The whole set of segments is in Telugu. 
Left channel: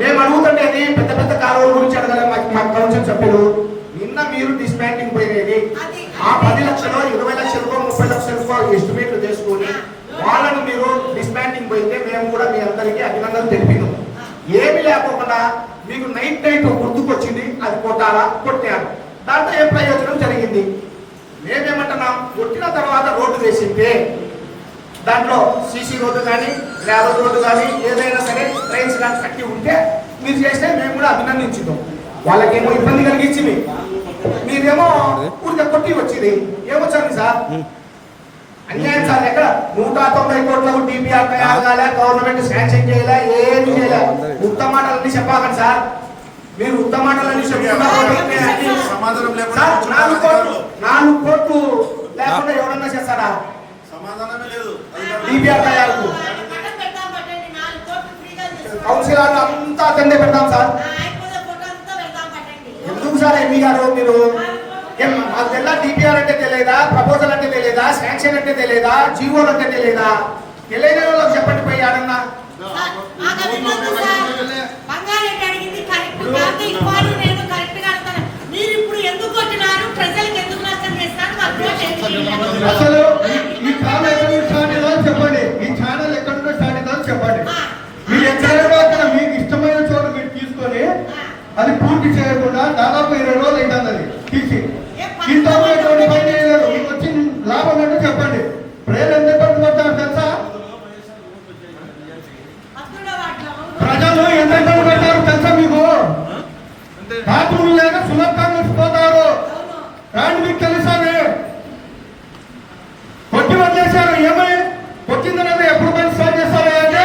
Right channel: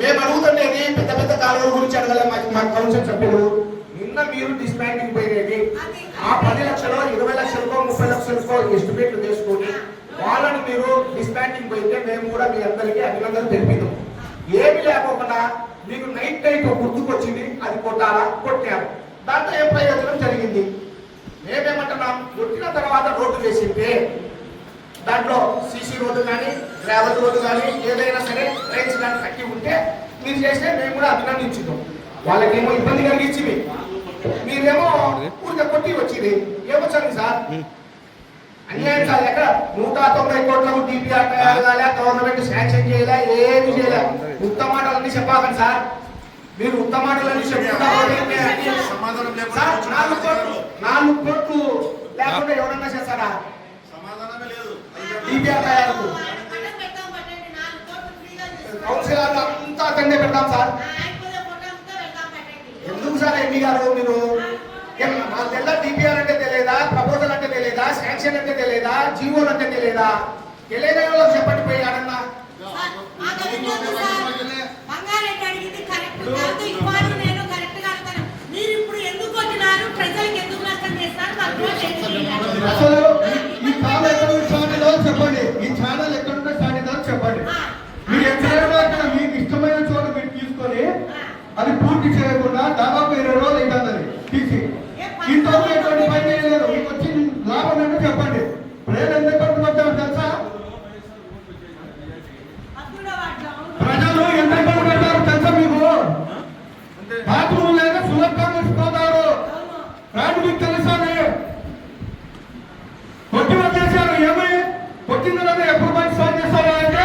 మేము అడుగుతుండేది పెద్ద పెద్ద కాలువల గురించి అడగలే మా కౌన్సిల్ సభ్యులు. నిన్న మీరు డిస్మాండింగ్ పోయినది ఆ 10 లక్షలు 20 లక్షలకో 30 లక్షలకో ఎస్టిమేట్లు చేసుకొని వాళ్ళని మీరు డిస్మాండింగ్ పోయితే మేము కూడా మీ అందరికీ అభినందనలు తెలిపినాం. ఏమి లేకుండా మీకు నైట్ గుర్తుకొచ్చింది, అది కొట్టారా, కొట్టారు. దాంట్లో ఏం ప్రయోజనం జరిగింది? మేమేమంటున్నాం, కొట్టిన తర్వాత రోడ్డు వేసిందే దాంట్లో సీసీ రోడ్డు కానీ గ్రావెల్ రోడ్డు కానీ ఏదైనా సరే ట్రైన్స్ కానీ కట్టి ఉంటే మీరు చేస్తే మేము కూడా అభినందించుదాం. వాళ్ళకేమో ఇబ్బంది కలిగించింది, మీరేమో ఊరికే కొట్టి వచ్చింది. ఏమొచ్చింది సార్? అన్యాయం సార్. ఎక్కడ 190 కోట్ల డిపిఆర్ తయారు కాలే, గవర్నమెంట్ శాంక్షన్ చేయలే, ఏమి చేయలే. ఉత్తమ మాటలన్నీ చెప్పాలి సార్. మీరు ఉత్తమ మాటలన్నీ చెప్తున్నా 4 కోట్లు లేకుండా ఎవరన్నా చేస్తారా? డిపిఆర్ తయారు కౌన్సిల్ అంతా అటెండే పెడతాం సార్. ఎందుకు సార్ ఎంపీ గారు మీరు మాకు తెల్ల డిపిఆర్ అంటే తెలియదా, ప్రపోజల్ అంటే తెలియదా, శాంక్షన్ అంటే తెలియదా, జీవోలు అంటే తెలియదా? తెలియని వాళ్ళకి చెప్పండి పోయి ఆడన్నా. అసలు ఈ కాలం ఎక్కడ స్టార్ట్ అయిందో చెప్పండి, ఈ ఛానల్ ఎక్కడ స్టార్ట్ అయిందో చెప్పండి. మీరు ఎక్కడ మీకు ఇష్టమైన చోట మీరు తీసుకొని అది పూర్తి చేయకుండా దాదాపు 20 రోజులు అయిపోయింది అది తీసి. ఇంట్లో పని చేయలేదు, మీకు వచ్చి లాభం అంటే చెప్పండి. ప్రజలు ఎంత ఇబ్బంది పడతారు తెలుసా? ప్రజలు ఎంత ఇబ్బంది పడతారు తెలుసా మీకు? బాత్రూమ్ లేక సులభంగా పోతారు. రాండి, మీకు తెలుసా? కొట్టి వచ్చేసారు. ఏమై కొట్టిన తర్వాత ఎప్పుడు పని స్టార్ట్ చేస్తారు అంటే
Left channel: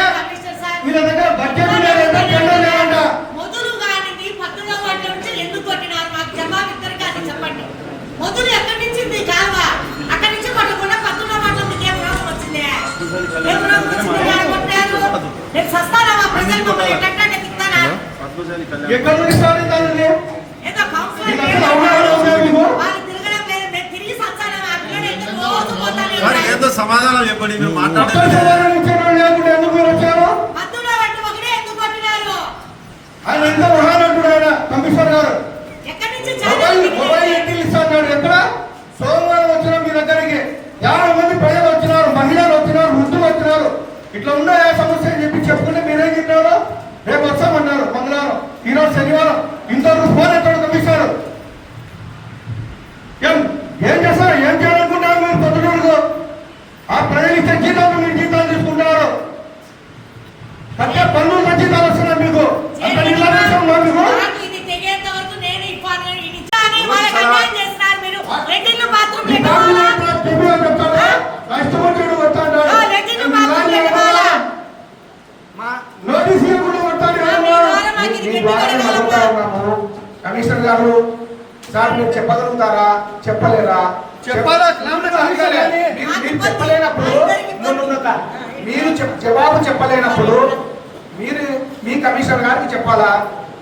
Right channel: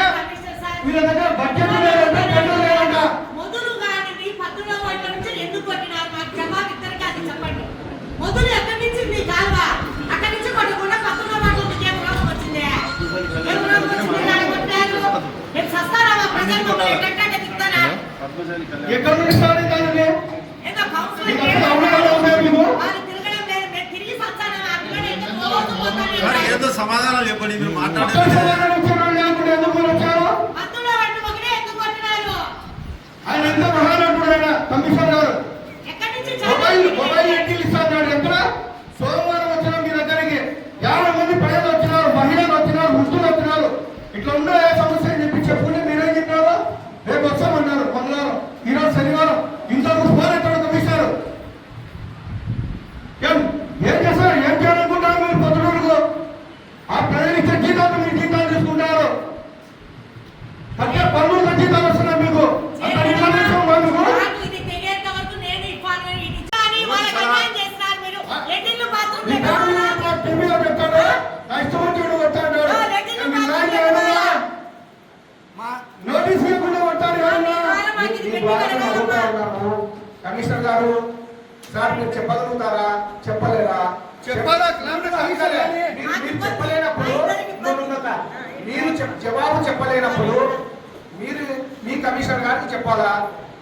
వీళ్ళ దగ్గర బడ్జెట్ లేదంట, పనులు లేవంట. మొదలు ఎక్కడి నుంచి అక్కడి నుంచి కొట్టకుండా 19 మాటలకి ఏం రోగం వచ్చింది? ఎక్కడి నుంచి స్టార్ట్ అవుతారు? ఏదో సమాధానం చెప్పండి. మీరు ఆయన ఎంత మహానటుడు కమిషనర్ గారు. మొబైల్ ఇంటికి ఇస్తాడు. ఎక్కడ సోమవారం వచ్చిన మీ దగ్గరికి 50 మంది ప్రజలు వచ్చినారు, మహిళలు వచ్చినారు, వృద్ధులు వచ్చినారు. ఇట్లా ఉండే సమస్య అని చెప్పి చెప్పుకుంటే మీరేం చెప్పారు? రేపు వస్తామన్నారు మంగళవారం, ఈరోజు శనివారం. ఇంతవరకు ఫోన్ ఎక్కడ కమిషనర్ ఏం చేస్తారు? ఏం చేయాలనుకుంటారు మీరు? పొద్దుటూరుకు ఆ ప్రజలు ఇచ్చే జీతాలు మీరు జీతాలు తీసుకుంటారు. కట్టే పన్నులు జీతాలు వస్తున్నాయి మీకు. అంత నిర్లక్ష్యం మీకు. కమిషనర్ గారు సార్ మీరు చెప్పగలుగుతారా, చెప్పలేరా? మీరు చెప్పలేనప్పుడు మీరు జవాబు చెప్పలేనప్పుడు మీరు మీ కమిషనర్ గారికి చెప్పాలా?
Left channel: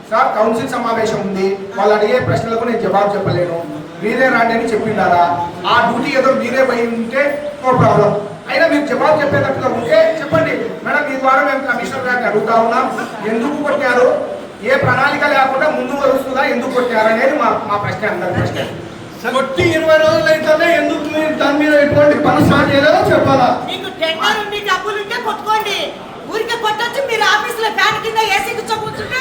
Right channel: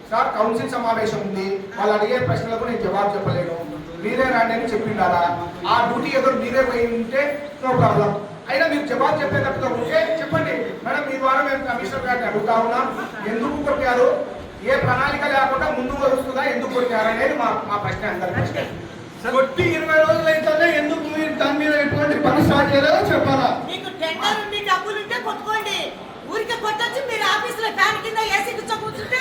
సార్ కౌన్సిల్ సమావేశం ఉంది, వాళ్ళు అడిగే ప్రశ్నలకు నేను జవాబు చెప్పలేను, మీరే రాండి అని చెప్పిండారా? ఆ డ్యూటీ ఏదో మీరే పోయి ఉంటే నో ప్రాబ్లం. అయినా మీరు జవాబు చెప్పేటట్టుగా ఉంటే చెప్పండి. మేడం మీ ద్వారా మేము కమిషనర్ గారిని అడుగుతా ఉన్నాం, ఎందుకు కొట్టారు, ఏ ప్రణాళిక లేకుండా ముందు వస్తుందా, ఎందుకు కొట్టారు అనేది మా ప్రశ్న. అందరి ప్రశ్న. కొట్టి 20 రోజులు అయితేనే ఎందుకు మీరు దాని మీద ఎటువంటి పని స్టార్ట్ చేయలేదో చెప్పాలా? మీకు టెండర్ ఉండి డబ్బులు ఉంటే కొట్టుకోండి. ఊరికే కొట్టొచ్చు. మీరు ఆఫీసులో ఫ్యాన్ కింద ఏసీ కూర్చోకుంటుంటే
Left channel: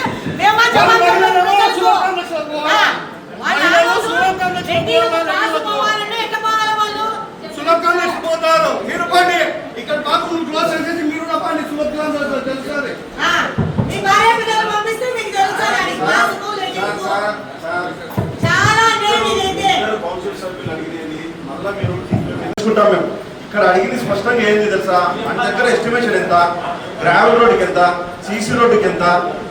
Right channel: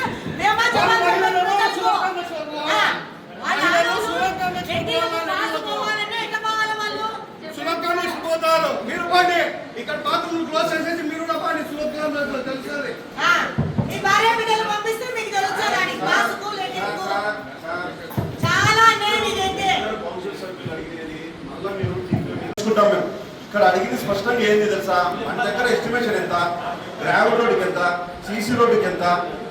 సులభంగా పోతారు. మీరు పని ఇక్కడ బాత్రూమ్ క్లోజ్ చేసేసి మీరు కూడా పని సులభంగా తెలుస్తుంది. మీ భార్య పిల్లలు పంపిస్తే మీకు తెలుస్తుంది. చాలా కౌన్సిల్ సభ్యులు అడిగినది మళ్ళీ మీరు తెలుసుకుంటాం. మేము ఇక్కడ అడిగింది స్పష్టంగా ఏంది తెలుసా? మన దగ్గర ఎస్టిమేషన్ ఎంత, గ్రావెల్ రోడ్డుకి ఎంత, సీసీ రోడ్డుకి ఎంత,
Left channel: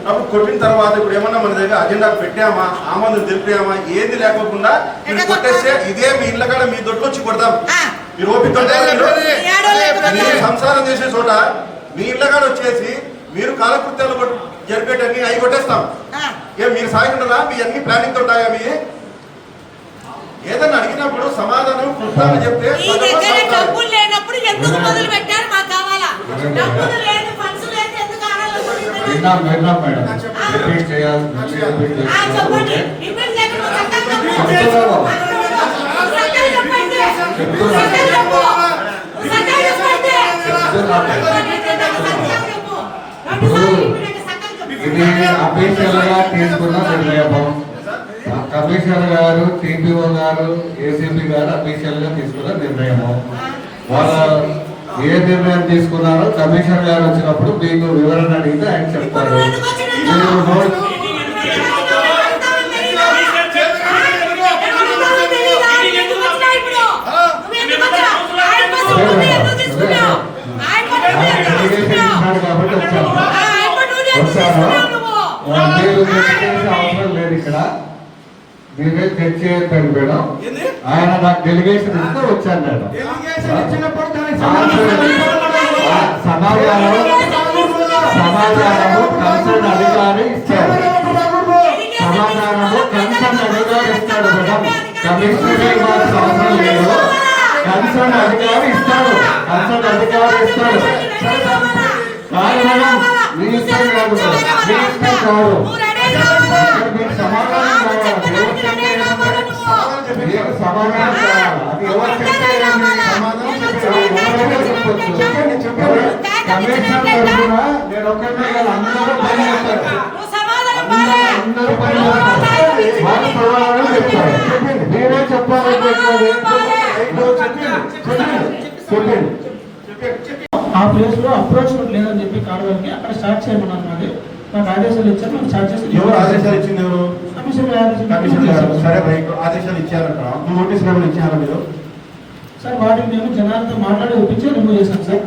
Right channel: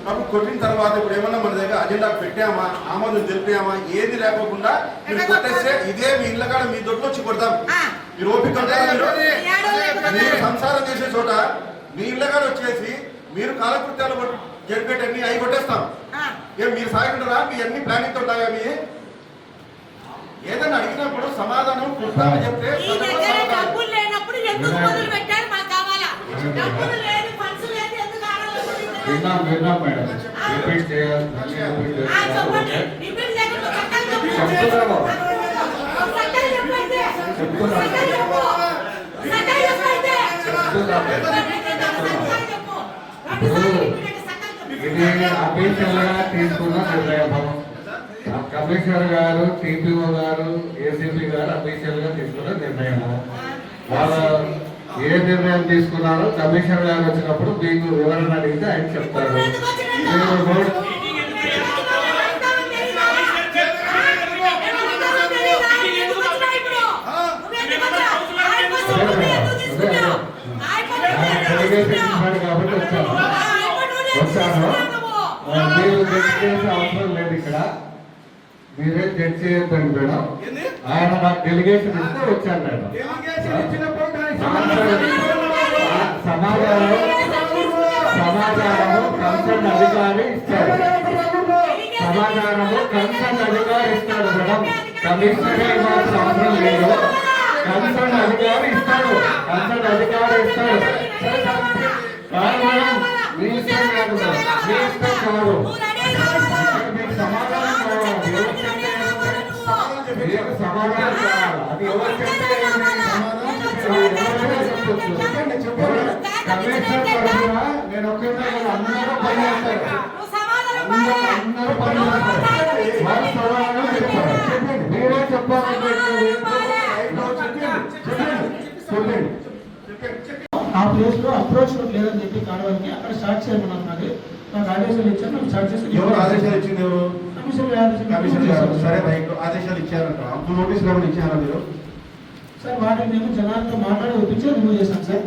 అప్పుడు కొట్టిన తర్వాత ఇప్పుడు ఏమన్నా మన దగ్గర అజెండాకు పెట్టామా, ఆమోదం తెలిపామా, ఏది లేకోకుండా మీరు కొట్టేస్తే ఇదే మీ ఇళ్ళ కాడ మీ దొడ్లు వచ్చి కొడతాం. మీరు ఓపిక మీరు సంసారం చేసే చోట మీ ఇళ్ళ కాడ వచ్చేసి మీరు కాలకృత్యాలు జరిపేటన్ని అవి కొట్టేస్తాం. ఏం మీరు సాగుంటారా? మీ అన్ని ప్లానింగ్ తో ఉంటాయా? మీ ఏదన్నా అడిగినప్పుడు సమాధానం కృష్ణాన్ని చెప్తే డబ్బులు లేనప్పుడు ఎందుకు మొదలు పెట్టారు? మాకు కావాలా? డబ్బులు లేదు, ఫండ్స్ లేదు, ఎందుకు ఆడాలి? విన్నాం మేడం రిపీట్ చేయాలి రిపీట్ చెప్పండి చేయాలి రిపీట్ లేకుండా చక్కగా చెప్తున్నాను. ఇది అఫీషియల్ గా తీసుకున్న నిర్ణయం. కమిషనర్ గారు, టీపీఓ గారు, ఏసీపీ గారు అఫీషియల్ గా తీసుకున్న నిర్ణయం. వాళ్ళ ఏ నిర్ణయం తీసుకున్నారో కమిషనర్ గారు వచ్చినప్పుడు మీకు వివరణ అడిగితే ఆయన చెప్తారు. మీరు నోట్ కాబట్టి వచ్చాను. మీరు చర్చ చేసే అవసరం లేదు ఇక్కడ. మీరే చర్చ చేయొద్దండి మేడం. ఆయన నాకు డెలిగేషన్ ఇస్తే వచ్చాను మేడం. సమాచారం కన్సర్న్ అధికారి ఇస్తారు. సమాచారము కన్సర్న్ అధికారి ఇస్తాడు మేడం. కమిషనర్ ఇవ్వాల్సిన అవసరం లేదు. కన్సర్న్ అధికారి ఇస్తాడు. కాదు మేడం, మీ ఇష్టం కాదు మేడం. మీ ఇష్టం కాదు. మీకు సమాధానం కావాలి. మీకు సమాధానం కావాలి. అది ఎవరు చెప్తే కమిషనర్ తరఫున నేను ఒక్కటే కాదు, అందరూ పని చేస్తారు. అందరూ పని చేస్తారు. వాళ్ళు సమాధానం చెప్తారు. మీరే చెప్పాలంటే చెప్పండి. ఆ ప్లేస్ లో అప్రోచ్ లేదని చెప్పి కాడవల్ని అక్కడ స్టార్ట్ చేయమన్నారు. నాకు ఆదేశాలు ఇచ్చారు. నాకు స్టార్ట్ చేసి ఎవరు ఆదేశాలు ఇచ్చింది? ఎవరు? కమిషనర్ గారు. సరే రైట్, ఆదేశాలు ఇచ్చారంట. నోటీస్ గారు ఇచ్చారా మీరు? సార్ వాటిని మేము జనాలతో మాట్లాడి ఒప్పించి రిమూవ్ చేశాం సార్.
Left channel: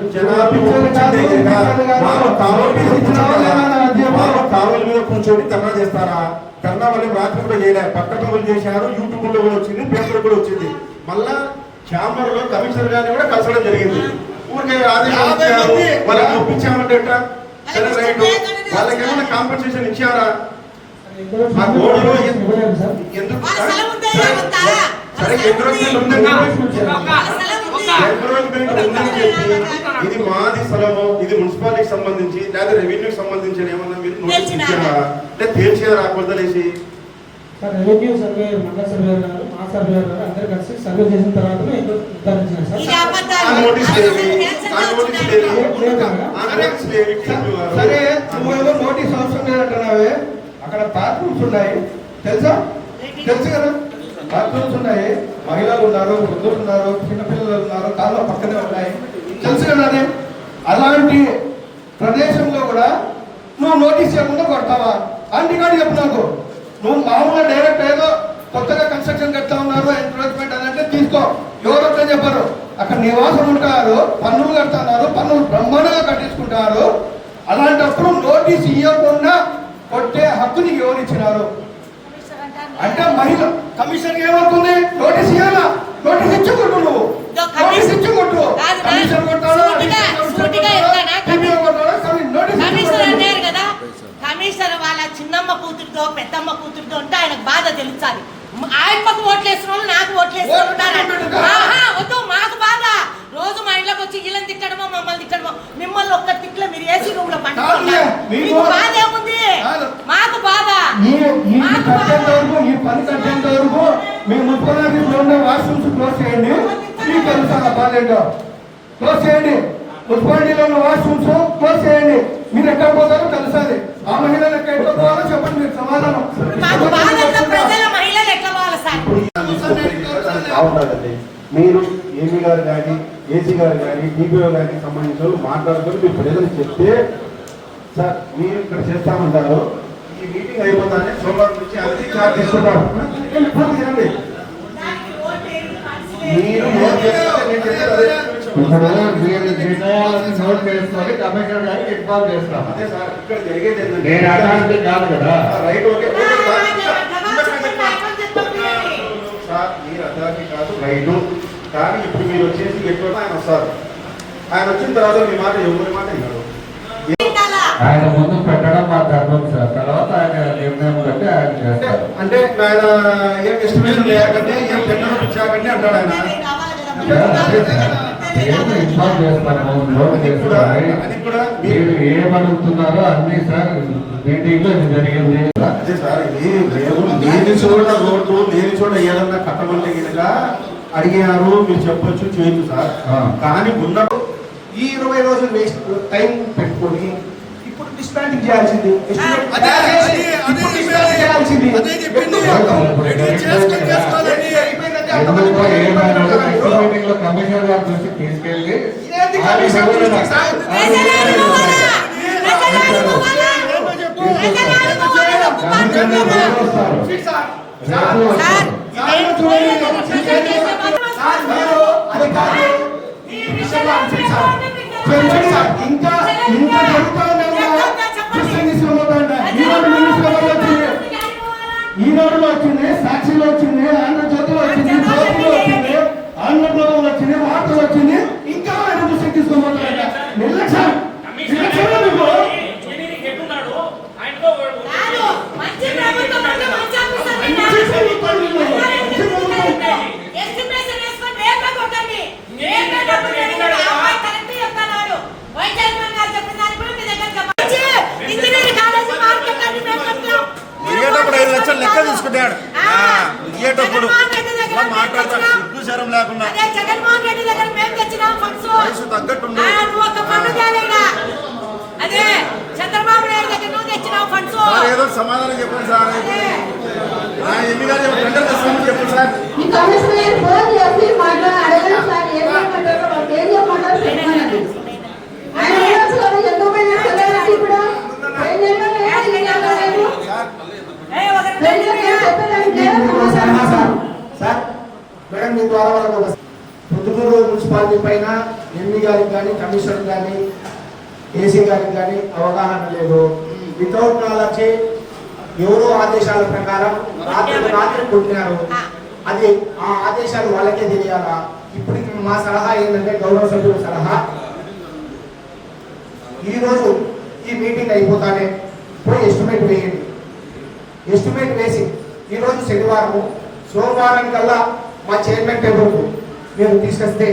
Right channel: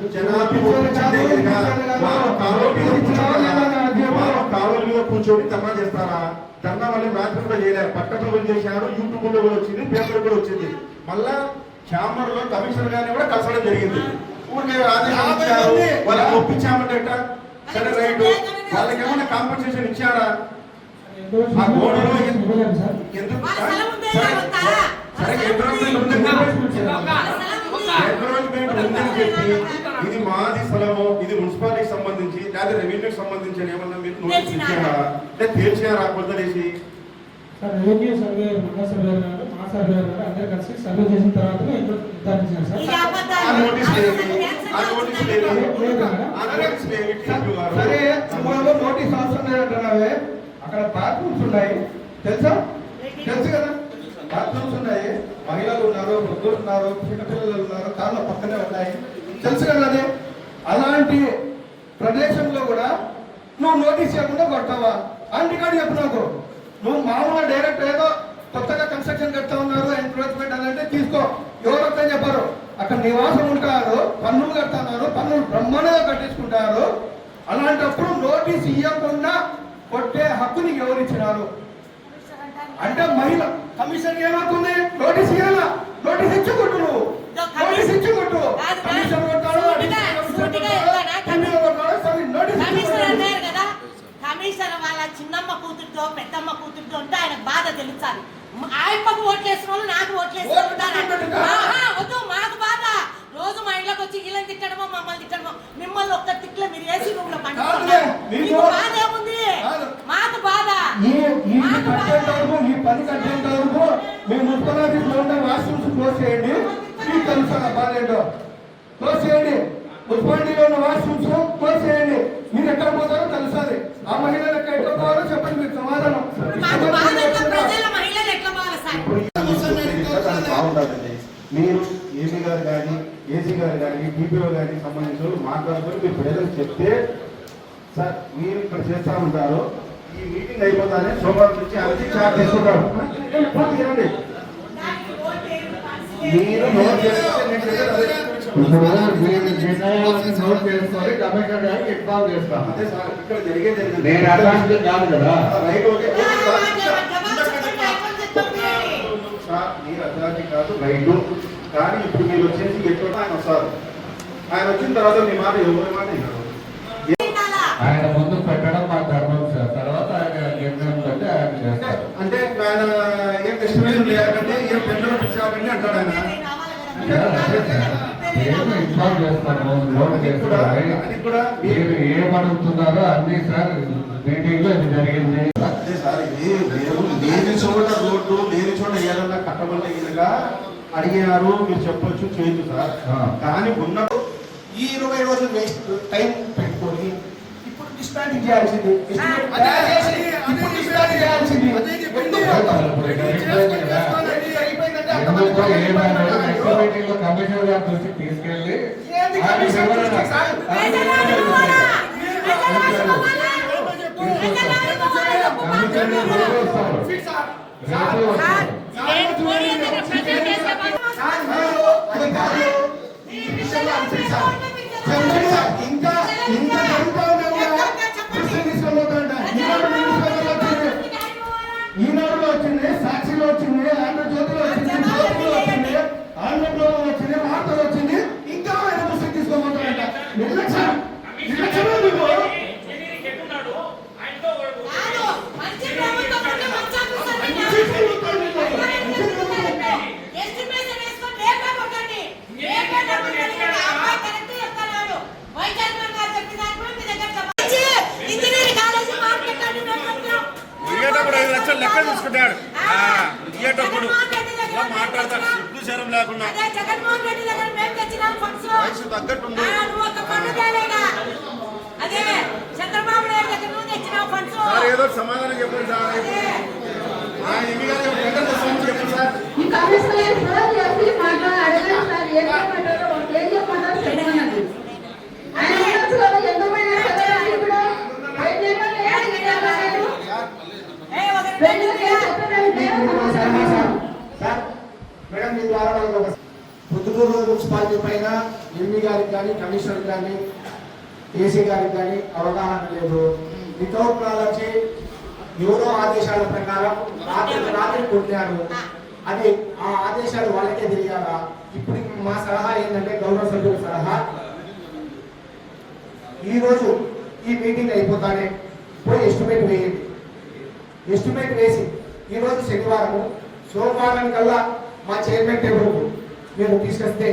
కావలి మీద కూర్చొని ధర్నా చేస్తారా? ధర్నా మళ్ళీ రాత్రి కూడా చేయలే. పట్టణంలో చేశారు, యూట్యూబ్ లో కూడా వచ్చింది, పేపర్ కూడా వచ్చింది. మళ్ళా ఛాంబర్ లో కమిషనర్ గారిని కూడా కలసడం జరిగింది. ఊరికే ఆదేశాలు ఇచ్చారు, వాళ్ళకి ఒప్పించామంటే ఎట్లా? సరే రైట్, వాళ్ళకి ఏమైనా కాంపెన్సేషన్ ఇచ్చారా? ఆ గోడలో ఎందుకు సరే ఎంక్రోచ్మెంట్ ఉందని చెప్పి ఇది మాది స్థలము, ఇది మున్సిపాలిటీకి సంబంధించి లేదా రెవెన్యూకి సంబంధించి ఏమన్నా మీరు నోటీస్ ఇచ్చారా? అంటే తేల్చారా కొలతలేసి? రెవెన్యూ సర్వే, మండల సర్వే గారు, మా సర్వే గారు అందరు కలిసి సర్వే చేసిన తర్వాత నిర్ధారించారు సార్. సరే నోటీస్ అవసరం లేదంటున్నావే. అక్కడ బాత్రూమ్స్ ఉన్నాయి తెలుసు కదా. బాత్రూమ్స్ ఉన్నాయి, మహిళలు ఉన్నారు, వృద్ధులు ఉన్నారు, చిన్నపిల్లలు ఉన్నారు, కాళ్ళ పక్కనే ఉన్నాయి, తెలుసు కదా. అది అలాంటి ప్రదేశంలో కూడా నువ్వు నోటీస్ చేయకుండా కొడతావా? అంటే కానీ చెప్పు నాకు. నువ్వు మామూలుగా డైరెక్ట్ ఏదో కొత్తగా కన్స్ట్రక్షన్ కడతా ఉన్నారు, ఎంక్రోచ్మెంట్ అని అంటే తీసుకో. ఎవరొక్క చెప్పారు? అక్కడ నివాసం ఉంటారు, పన్నులు కడుతున్నారు, పన్నులు బ్రహ్మాండంగా కట్టించుకుంటారు. అలాంటప్పుడు నోటీస్ ఇవ్వకుండా కొట్టే హక్కు నీకు ఎవరు ఇచ్చినారు? అంటే మహిళ కమిషన్ ఏమవుతుంది? నోటీస్ ఇవ్వాలా? నోటీస్ ఇచ్చుకుంటు నువ్వు నోటీస్ ఇచ్చుకుంటు కమిషన్ కొట్టాలా? కమిషనర్ వాళ్ళ చిన్నమ్మ కూతురుతో పెద్దమ్మ కూతురుతో ఉంటే ఆయనకు బాధ తెలుస్తుంది. ఆయనకు ఓట్లేసిన వాళ్ళు నాకు ఓట్లేసిన వద్దు, మాకు బాధ. రోజు మా ఇంట్లోకి వచ్చి వీళ్ళని తిట్టడమో మమ్మల్ని తిట్టడమో. మిమ్మల్ని ఒక్క తిట్లో మీరు ఏసీ రూమ్ లో పండుగ బాధ ఏముంది? మాకు బాధ. ఈ పని కట్టేంత వరకు మీ మున్సిపాలిటీ వాష్రూమ్స్ క్లోజ్ చేయండి. మీకు తెలుసా బాధ్యత? క్లోజ్ చేయండి. మున్సిపాలిటీలో ఉన్న వాష్రూమ్స్ క్లోజ్ చేయండి. మీరు ఎక్కడ పోతారో తెలుస్తుంది. ఆ మహిళలు ఎక్కడ పోవాలో చెప్పండి. మీరు సమాధానం బాగుంటుందండి. మీరు ఏపీ గారు కానీ, ఏసీ గారు కానీ, టీపీఓ గారికి సంబంధించిన వాళ్ళు మాట్లాడుకొని మీ ప్రజలు చెప్తే, సార్ మీరు ఇక్కడ చేస్తామంటారు, ఈ మీటింగ్ అయిపోతానే సోమవారం నుంచి అది చార్జ్ తీసుకుంటారు. తినండి. మీరు నోట్ నోట్ చేసుకొని కమిషనర్ గారికి ఇన్ఫార్మ్ చేస్తాం. అదే సార్ ఇక్కడ జరిగేది నేను అట్లాంటి కాదు కదా. రైట్, ఓకే సార్, మీరు అర్థానికి కాదు రైటు. కానీ ఇప్పుడు మీరు వచ్చేసి ఎక్కడ ఆయన వస్తారు. ఆయన వచ్చిన తర్వాత మీ మాట ఎవరి మాట ఇవ్వరు. ఆయన ముందు పెట్టడం మా ధర్మం సార్. తర్వాత ఆయన నిర్ణయం బట్టి ఆయన చేస్తారు. అంటే ఆయన ఏం ఎస్టిమేషన్ లేకండి, ఏం టెండర్ ఇచ్చాకండి అంటాడు ఆయన. ఏదో ఇన్వాల్వ్ చేస్తాను లోన్ చేస్తున్నారని మీరు ఏమడుగుతున్నారో అన్ని సార్ మీటింగ్ లో ఇది జరిగింది. అదే సార్ ఇది లేని చోట రోడ్డు లేని చోట ఏదన్నా కట్టమంటే కనుక అడిగినారు మీరు చెప్పొచ్చు చేయొచ్చు సార్. కానీ ఉన్నప్పుడు ఈ 20 రోజులు వేస్ట్ టైం పెట్టుకొని ఇప్పుడు డిస్మాంటింగ్ చేయాల్సింది కమిషనర్ గారి దృష్టికి తీసుకెళ్ళి ఇంకా ఇంకా ఈనాడులో వచ్చింది, సాక్షిలో వచ్చింది, ఆంధ్రజ్యోతిలో వచ్చింది, జ్యోతిలో వచ్చింది, ఆంధ్రప్రదేశ్లో వచ్చింది, వార్తలు వచ్చింది. ఇంకా ఆయన దృష్టికి తీసుకోబోతారంట. నిర్లక్ష్యం నిర్లక్ష్యంలో మీకు జగన్మోహన్ రెడ్డి దగ్గర మేము తెచ్చినాం ఫండ్స్. ఒక ఫండ్ తేలేదా? అదే చంద్రబాబు నాయుడు దగ్గర నువ్వు తెచ్చినావు ఫండ్స్. ఏదో సమాధానం చెప్పండి సార్. ఎంపీ గారు చెప్పండి సార్. ఈ కమిషనర్ ఫోన్ చేసి అడగండి సార్, ఏం చేయమంటారో ఏం చెప్పమంటారో చెప్పండి. ఆయన ఏమొచ్చారు ఎందుకు పోయినా ఇప్పుడు మేడం మీ ద్వారా వాళ్ళకి ఒక పొద్దుటూరు మున్సిపాలిటీ పైన ఎంపీ గారికి కానీ కమిషనర్ కానీ ఏసీ గారికి కానీ అవగాహన లేదు. వితౌట్ నాలెడ్జ్ ఎవరో ఆదేశాల ప్రకారం రాత్రి కొట్టినారు. అది ఆ ఆదేశాలు వాళ్ళకే తెలియాలా? ఇప్పుడు మా సలహా ఏంటంటే గౌరవ సభ్యుల సలహా, ఈరోజు ఈ మీటింగ్ అయిపోతానే పోయి ఎస్టిమేట్ వేయండి. ఎస్టిమేట్ వేసి ఈరోజు శనివారము, సోమవారం కల్లా మా చైర్మన్ టేబుల్కు మీరు తీసుకొస్తే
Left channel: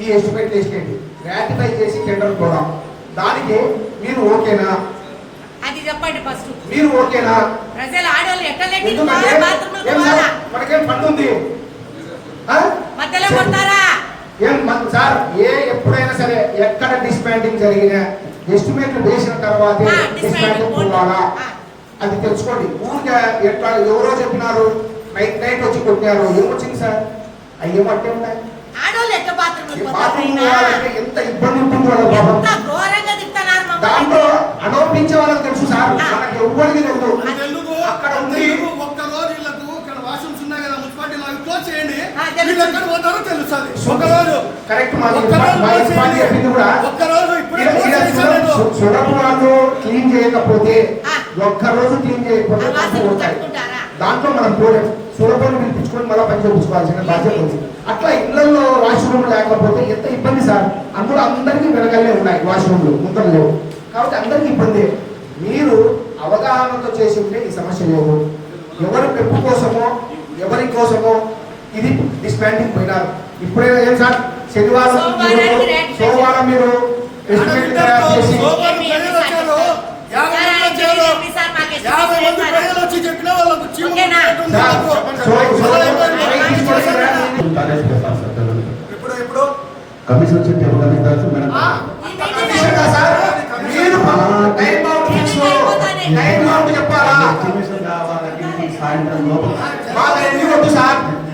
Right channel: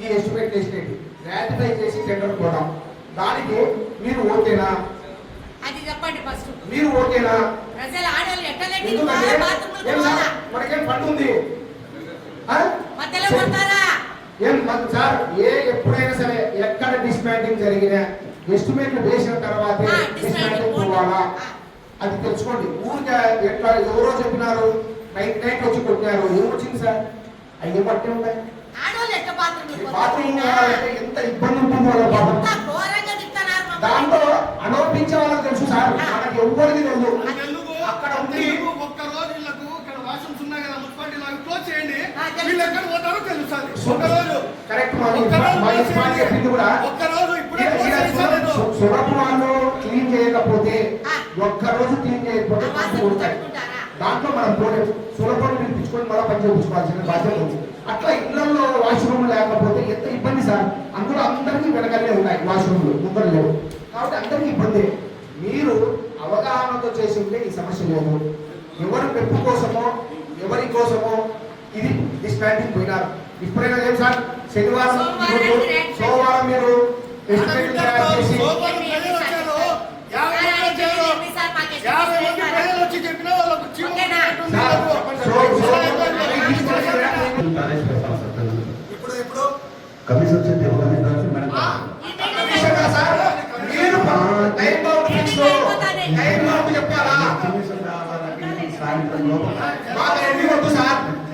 ఈ ఎస్టిమేట్ వేసేయండి, రాటిఫై చేసి టెండర్ కూడా. దానికి మీరు ఓకేనా? అది చెప్పండి ఫస్ట్. మీరు ఓకేనా? ప్రజలు ఆడవాళ్ళు ఎందుకంటే మనకేం ఫండ్ ఉంది మధ్యలో కొడతారా? ఏం సార్, ఎప్పుడైనా సరే ఎక్కడ డిస్మాంటింగ్ జరిగినా ఎస్టిమేట్లు వేసిన తర్వాతే డిస్మాంటింగ్ పోవాలా అది తెలుసుకోండి. ఊరికే ఎట్లా ఎవరో చెప్పినారు నైట్ వచ్చి కొట్టినారు, ఏమొచ్చింది సార్? అవి ఏమంటే ఉంటాయి. బాత్రూమ్ పోవాలంటే ఎంత ఇబ్బంది ఉంటుంది వాళ్ళ దాంట్లో అనోపించే వాళ్ళకి తెలుసు సార్, మనకి ఎవ్వరికి తెలుసు. అక్కడ ఉంది ఒక్కరోజు వీళ్ళకు ఇక్కడ వాష్రూమ్స్ ఉన్నాయి కదా మున్సిపాలిటీ లాగా క్లోజ్ చేయండి, వీళ్ళు ఎక్కడ పోతారో తెలుస్తుంది. ఒక్కరోజు కరెక్ట్ చెప్పింది కూడా. సుడపు వాళ్ళు క్లీన్ చేయకపోతే ఒక్కరోజు క్లీన్ చేయకపోతే ఉంటాయి. దాంట్లో మనం పోలేం. సులభం పిలిపించుకొని మళ్ళీ పని చేయించుకోవాల్సిన బాధ్యత ఉంది. అట్లా ఇళ్లలో వాష్రూమ్ లేకపోతే ఎంత ఇబ్బంది సార్. అందులో అందరికీ వెనకల్లే ఉన్నాయి వాష్రూమ్లు, ముందర లేవు. కాబట్టి అందరికీ ఇబ్బంది. మీరు అవగాహనతో చేసి ఉంటే ఈ సమస్య లేదు. ఎవరి పెంపు కోసమో ఎవరి కోసమో ఇది డిస్మాంటింగ్ పోయినారు. ఇప్పుడైనా ఏం సార్, శనివారం సోమవారం మీరు ఎస్టిమేట్ తయారు చేసి కమిషన్ చెప్పి ఎవరు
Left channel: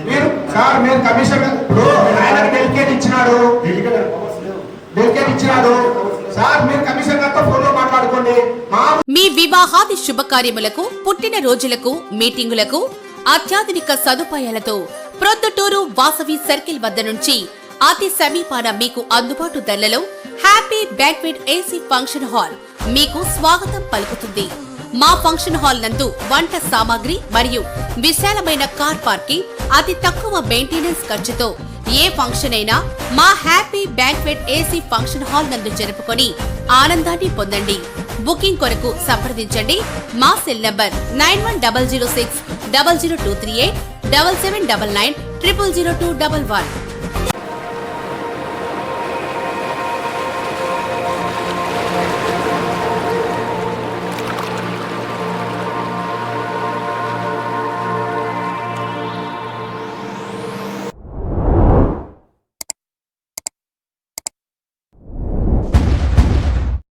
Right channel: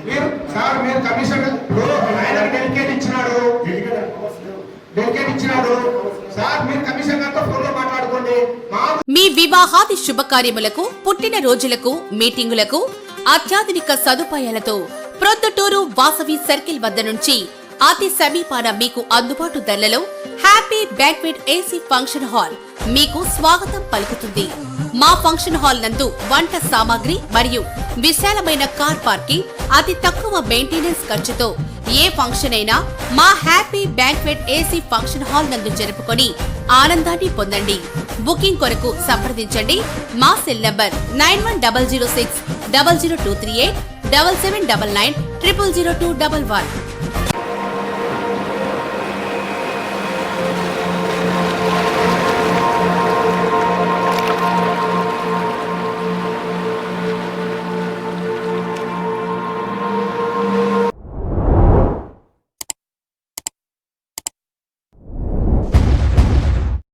మేడం మీరు కమిషన్ ఇప్పుడు ఆయనకు డెలికేట్ ఇచ్చినాడు సార్, మీరు కమిషన్ గారితో ఫోన్లో మాట్లాడుకోండి. మీ వివాహాది శుభకార్యములకు, పుట్టిన రోజులకు, మీటింగులకు అత్యాధునిక సదుపాయాలతో ప్రొద్దుటూరు వాసవి సర్కిల్ వద్ద నుంచి అతి సమీపాన మీకు అందుబాటు ధరలలో happy banquet AC function hall మీకు స్వాగతం పలుకుతుంది. మా ఫంక్షన్ హాల్ నందు వంట సామాగ్రి మరియు విశాలమైన కార్ పార్కింగ్, అతి తక్కువ మెయింటెనెన్స్ ఖర్చుతో ఏ ఫంక్షన్ అయినా మా happy banquet AC function hall నందు జరుపుకొని ఆనందాన్ని పొందండి. బుకింగ్ కొరకు సంప్రదించండి. మా సెల్ నంబర్ 9100600238 7799 000211.